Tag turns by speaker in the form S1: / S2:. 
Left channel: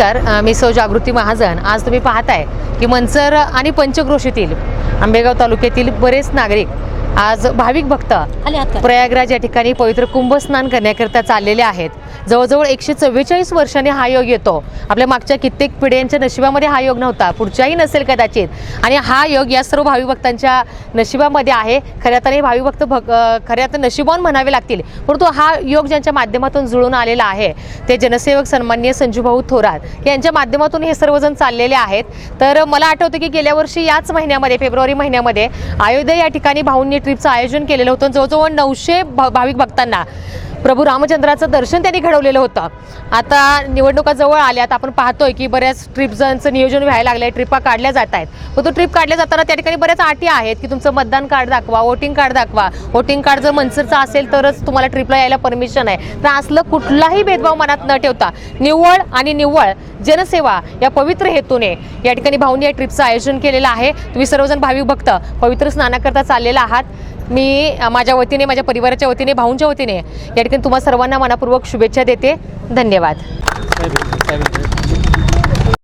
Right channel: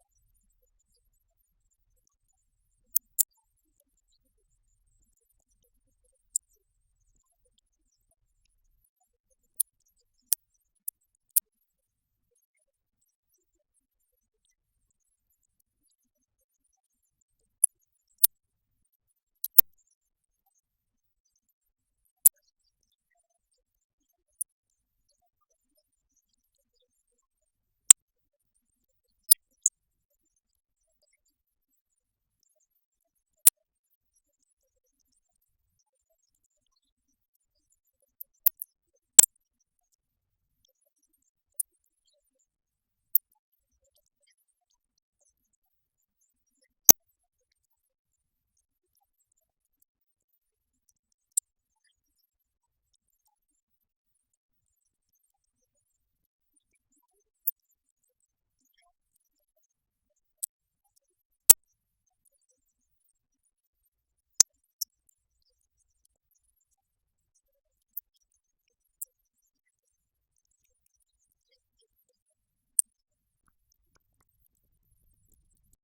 S1: नमस्कार मी सौ जागृती महाजन. आज तुम्ही पाहताय की मंचर आणि पंचक्रोशीतील आंबेगाव तालुक्यातील बरेच नागरिक आज भाविक भक्त प्रयागराज या ठिकाणी पवित्र कुंभस्नान करण्याकरिता चाललेले आहेत. जवळजवळ एकशे चव्वेचाळीस वर्षांनी हा योग येतो. आपल्या मागच्या कित्येक पिढ्यांच्या नशिबामध्ये हा योग नव्हता. पुढच्याही नसेल कदाचित. आणि हा योग या सर्व भाविक भक्तांच्या नशिबामध्ये आहे. खऱ्या अर्थाने भाविक भक्त भग खऱ्या अर्थाने नशिबान म्हणावे लागतील. परंतु हा योग ज्यांच्या माध्यमातून जुळून आलेला आहे ते जनसेवक सन्मान्य संजूभाऊ थोरात यांच्या माध्यमातून हे सर्वजण चाललेले आहेत. तर मला आठवतं की गेल्या वर्षी याच महिन्यामध्ये फेब्रुवारी महिन्यामध्ये अयोध्या या ठिकाणी भाऊंनी ट्रिपचं आयोजन केलेलं होतं. जवळजवळ नऊशे भाविक भक्तांना. प्रभू रामचंद्राचं दर्शन त्यांनी घडवलेलं होतं. आता निवडणुका जवळ आल्यात आपण पाहतोय की बऱ्याच ट्रिपचं नियोजन व्हायला लागलं आहे ट्रिपा काढल्या जात आहेत. मग तो ट्रिप काढल्या जाताना त्या ठिकाणी बऱ्याच अटी आहेत की तुमचं मतदान कार्ड दाखवा वोटिंग कार्ड दाखवा. वोटिंग कार्ड जर मनसरचं असेल तरच तुम्हाला ट्रिपला यायला परमिशन आहे. तर असलं कुठलाही भेदभाव मनात न ठेवता निव्वळ आणि निव्वळ जनसेवा या पवित्र हेतूने या ठिकाणी भाऊनी या ट्रिपचं आयोजन केलेलं आहे. तुम्ही सर्वजण भाविक भक्त पवित्र स्नानाकरता चाललेला आहात. मी माझ्या वतीने माझ्या परिवाराच्या वतीने भाऊंच्या वतीने या ठिकाणी तुम्हाला सर्वांना मनापूर्वक शुभेच्छा देते. धन्यवाद.